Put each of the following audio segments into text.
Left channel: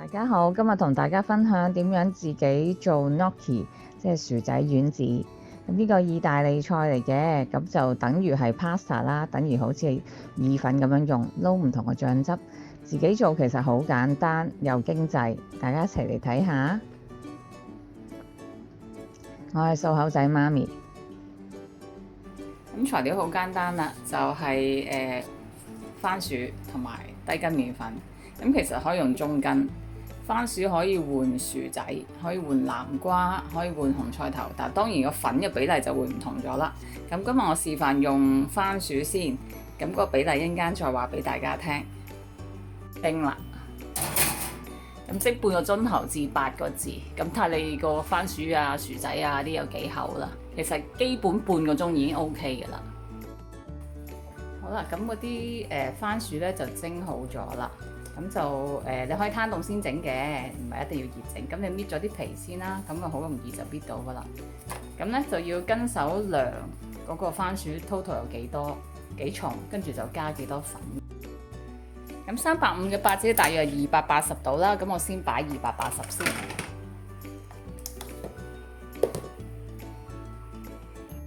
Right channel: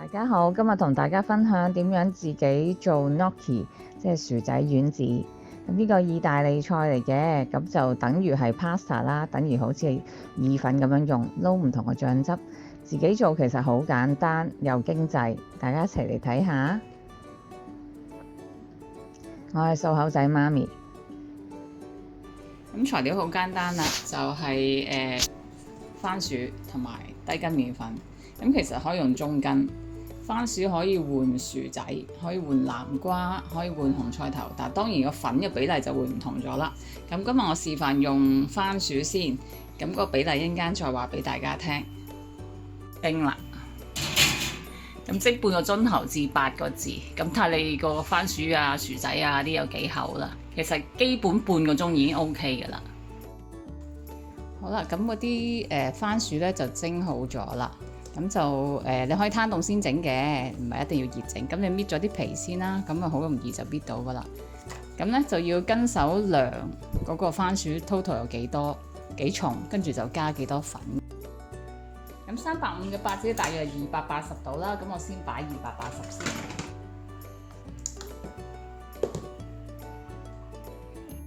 大家好，今日同大家分享點樣自己做 gnocchi，即係薯仔丸子。咁呢個意大利菜嚟嘅，咁就等於係 pasta 啦，等於好似意粉咁樣用，撈唔同嘅醬汁。自己做其實好簡單又經濟，大家一齊嚟睇下。我係數口仔媽咪。咁材料好簡單啦，就係番薯同埋低筋麵粉。咁其實可以用中筋，番薯可以換薯仔，可以換南瓜，可以換紅菜頭，但當然個粉嘅比例就會唔同咗啦。咁今日我示範用番薯先，咁個比例一陣間再話俾大家聽。叮啦，咁即半個鐘頭至8個字，咁睇下你個番薯啊、薯仔啊啲有幾厚啦。其實基本半個鐘已經 OK 㗎啦。好啦，咁嗰啲番薯咧就蒸好咗啦。咁就你可以攤凍先整嘅，唔係一定要熱整。咁你搣咗啲皮先啦，咁啊好容易就搣到噶啦。咁咧就要跟手量嗰個番薯 total 有幾多幾重，跟住就加幾多粉。咁350嘅八子大約280度啦，咁我先擺280先。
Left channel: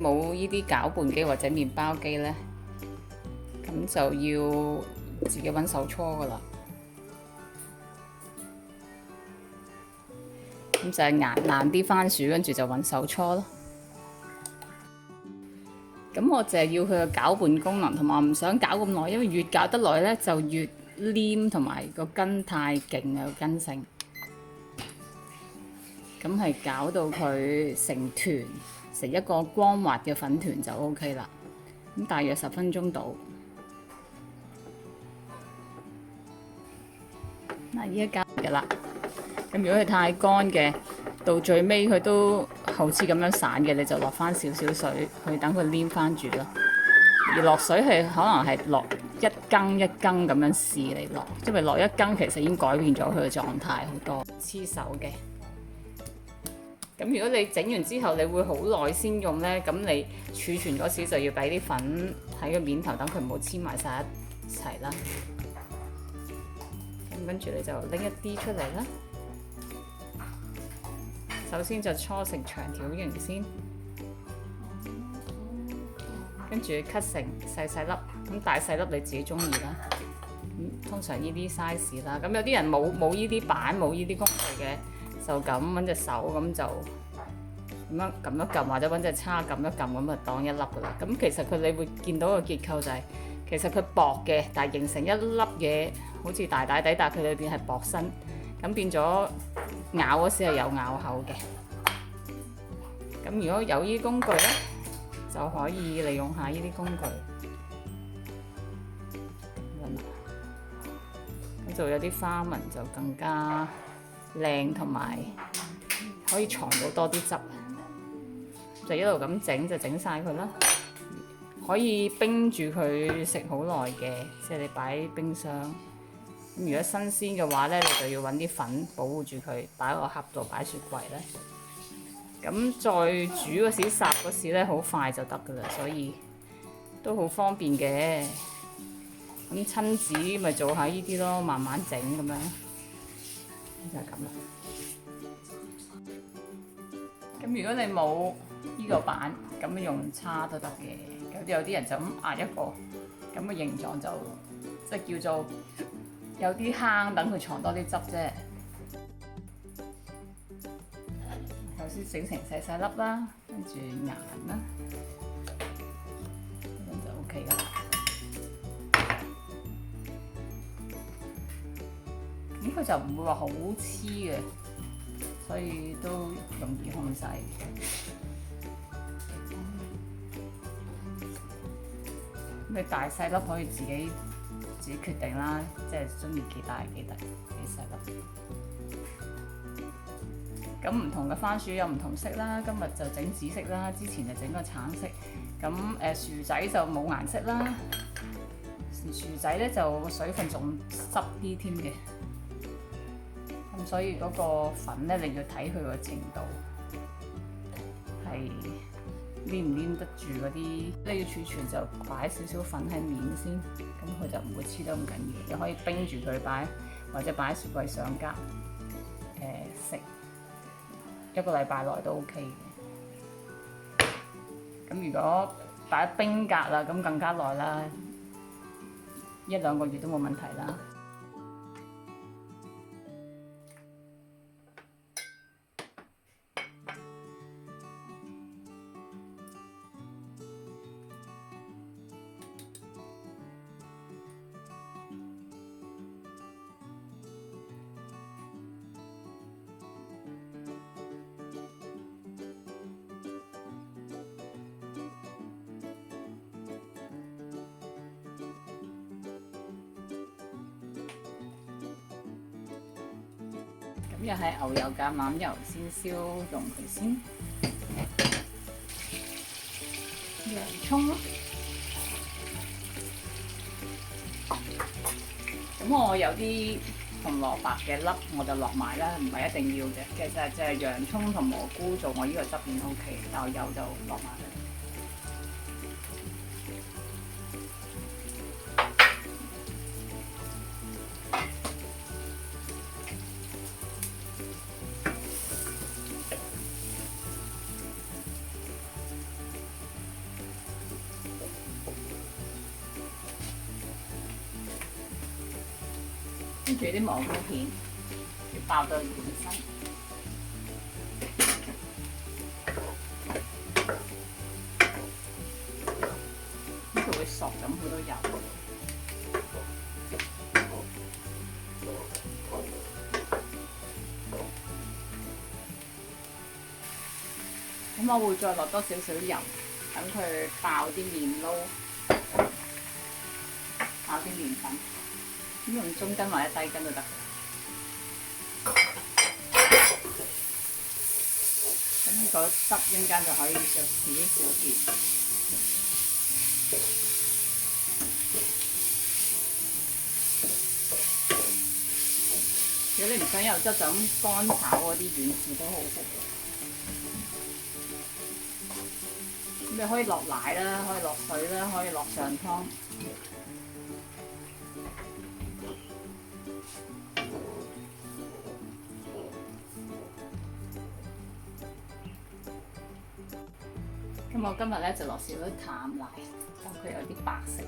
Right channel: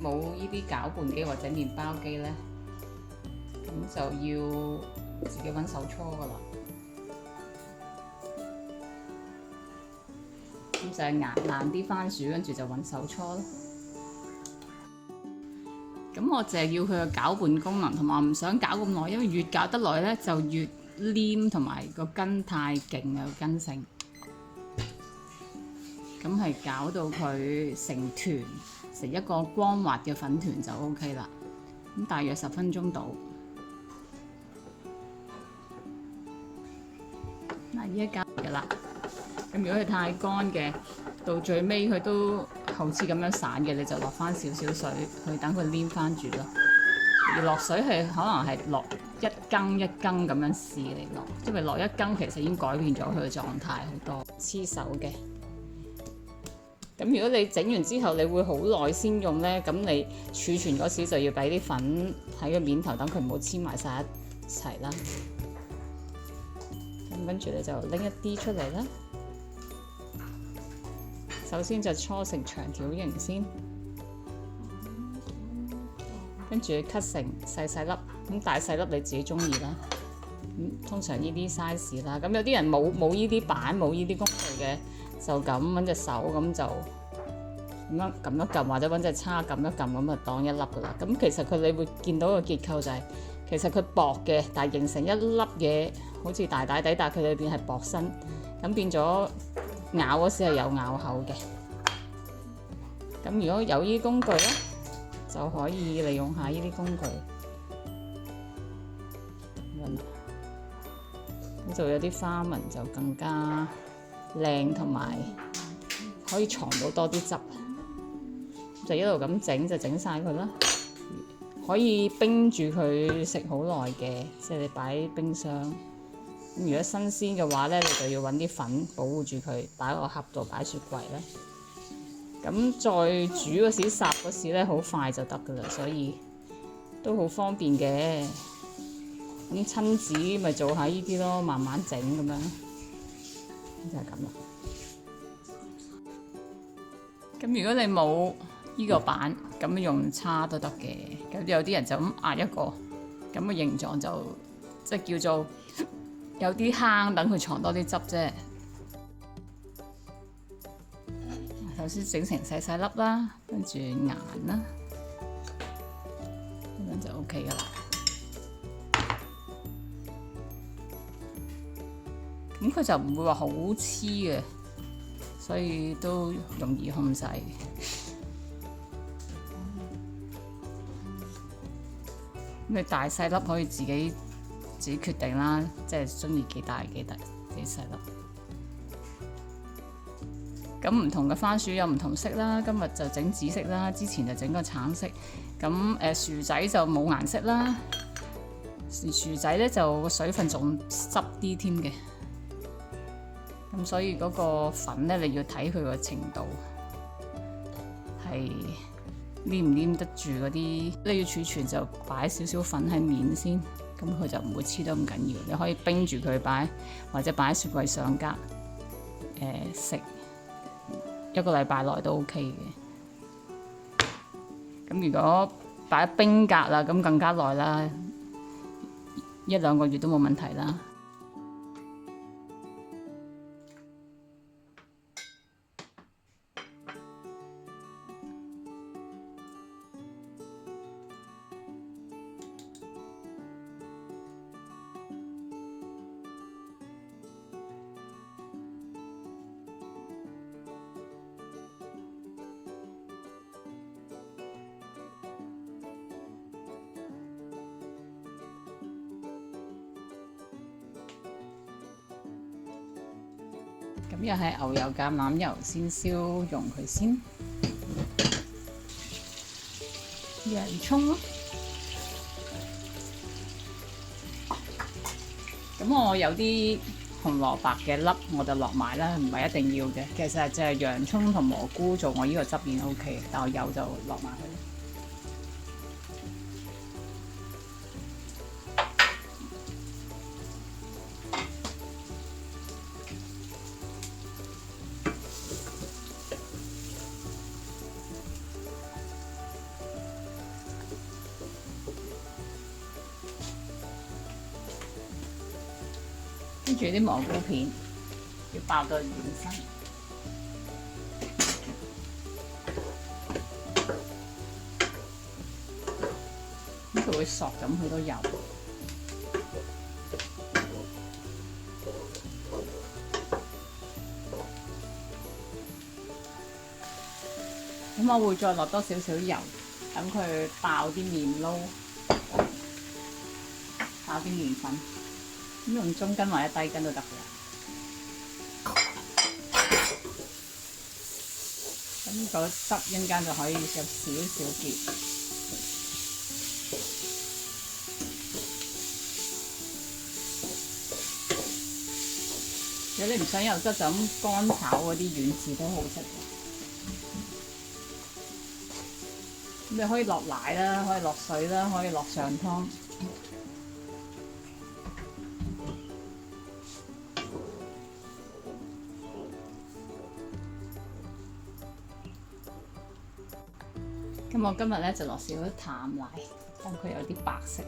冇呢啲攪拌機或者麵包機咧，咁就要自己揾手搓噶啦。咁就係硬啲番薯，跟住就揾手搓咯。咁我就係要佢嘅攪拌功能，同埋我唔想攪咁耐，因為越攪得耐咧就越黏，同埋個筋太勁有筋性。咁係攪到佢成團，成一個光滑嘅粉團就 OK 啦。咁大約10分鐘到。嗱，依家攪嘅啦。咁如果佢太乾嘅，到最尾佢都好似咁樣散嘅，你就落翻少少水去等佢黏翻住咯。而落水係可能係落1羹1羹咁樣試嚟落，因為落1羹其實已經改變咗佢嘅狀態好多，黐手嘅。咁如果你整完之後，你會好耐先用咧，咁你儲存嗰時就要俾啲粉喺個面頭，等佢唔好黐埋晒一齊啦。咁跟住你就拎一啲出嚟啦。首先就搓成長條形先，跟住 cut 成細細粒，咁大細粒你自己中意啦。通常呢啲 size 啦，咁有啲人冇呢啲板冇呢啲工具嘅，就咁揾隻手咁就咁樣撳一撳，或者揾隻叉撳一撳咁就當一粒噶啦。咁其實佢你會見到個結構就係、其實佢薄嘅，但係形成一粒嘢，好似大大地，但係佢裏邊係薄身，咁變咗咬嗰時係有咬口嘅。咁如果有呢啲工具咧，就可以利用下呢啲工具咁樣啦。咁就有啲花紋就更加靚，同埋可以藏到多啲汁。就一路咁整就整晒佢啦。可以冰住佢食好耐嘅，即係你擺喺冰箱。咁如果新鮮嘅話咧，你就要揾啲粉保護住佢，擺喺個盒度擺雪櫃咧。咁再煮嗰時烚嗰時咧，好快就得噶啦，所以都好方便嘅。咁親子咪做下呢啲咯，慢慢整咁樣，就係咁啦。咁如果你冇呢個板，咁用叉都得嘅。有啲人就咁壓一個，咁嘅形狀就即係叫做有啲坑，等佢藏多啲汁啫。首先整成細細粒啦，跟住硬啦，咁樣就 OK 噶啦。咁佢就唔會話好黐嘅，所以都容易控制。咁你大細粒可以自己決定啦，即係中意幾大幾細粒。咁唔同嘅番薯有唔同色啦，今日就整紫色啦，之前就整個橙色。咁薯仔就冇顏色啦，薯仔咧就個水分仲濕啲添嘅。咁所以嗰個粉咧，你要睇佢個程度，係黏唔黏得住嗰啲。你要儲存就擺少少粉喺面先，咁佢就唔會黐得咁緊要。你可以冰住佢擺，或者擺喺雪櫃上格。食一個禮拜內都 OK 嘅。咁如果擺冰格啦，咁更加耐啦，1-2個月都冇問題啦。咁又係牛油橄欖油先燒溶佢先，洋葱咯。咁我有啲紅蘿蔔嘅粒我就落埋啦，唔係一定要嘅。其實就係洋葱同蘑菇做我呢個汁已經 OK，但我有就落埋去。跟住啲蘑菇片要爆到滿身，咁佢會索咁好多油。咁我會再落多少少油，等佢爆啲麵撈，爆啲麵粉。咁用中筋或者低筋都得嘅。咁個汁一陣間就可以有少少結。如果你唔想有汁，就咁乾炒嗰啲丸子都好食嘅。咁你可以落奶啦，可以落水啦，可以落上湯。咁我今日咧就落少少淡奶，等佢有啲白色。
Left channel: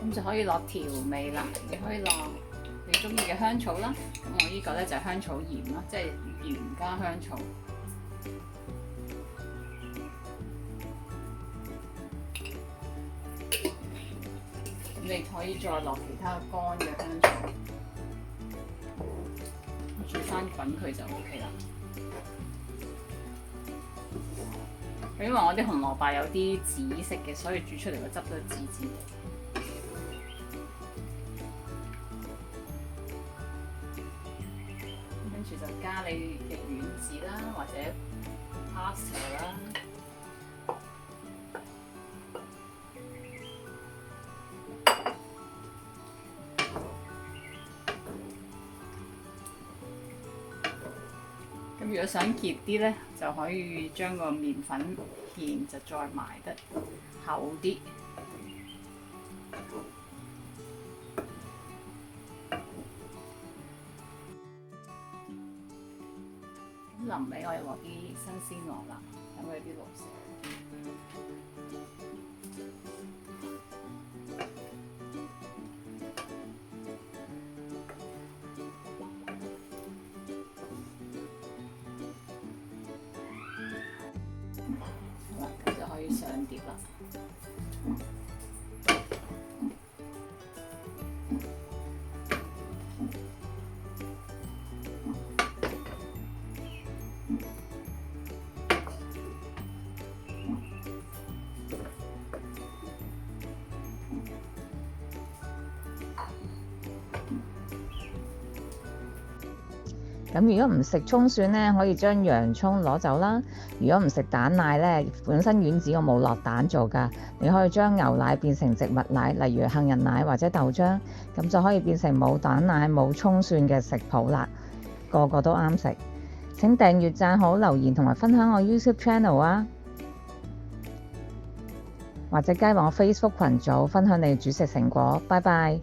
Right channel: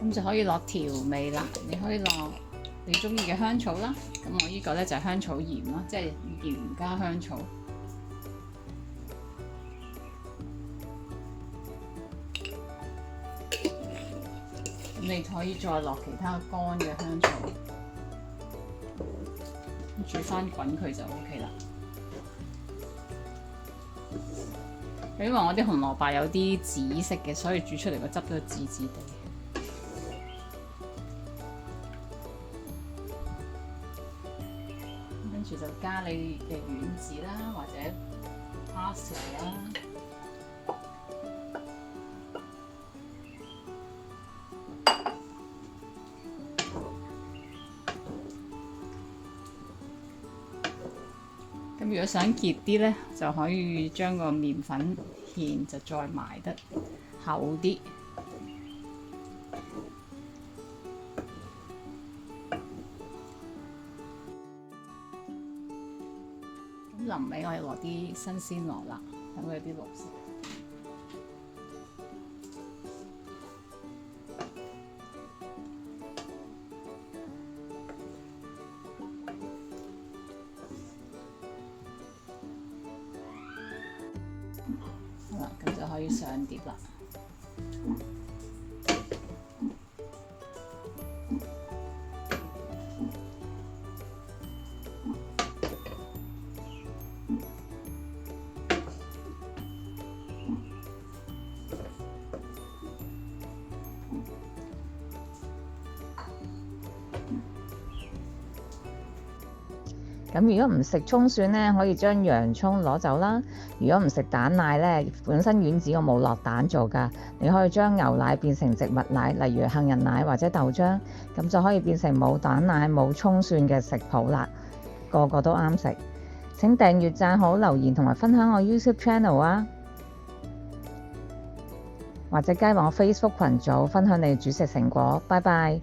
咁就可以落調味啦。你可以落你中意嘅香草啦。咁我呢個咧就係香草鹽啦，即係鹽加香草。你可以再落其他乾嘅香草，煮翻滾佢就 OK 啦。因為我啲紅蘿蔔有啲紫色嘅，所以煮出嚟個汁都紫紫地。跟住就加你嘅丸子啦，或者 pasta 啦。咁如果想結啲咧，就可以將個麵粉芡就再埋得厚啲。咁臨尾我哋落啲新鮮蘿蔔，等佢有啲綠色。好啦，咁就可以上碟啦。咁如果唔食葱蒜咧，可以將洋葱攞走啦。如果唔食蛋奶咧，本身丸子我冇落蛋做㗎，你可以將牛奶變成植物奶，例如杏仁奶或者豆漿，咁就可以變成冇蛋奶冇葱蒜嘅食譜啦，個個都啱食。請訂閱、讚好、留言同埋分享我 YouTube channel 啊，或者加入我 Facebook 群組分享你嘅煮食成果。拜拜。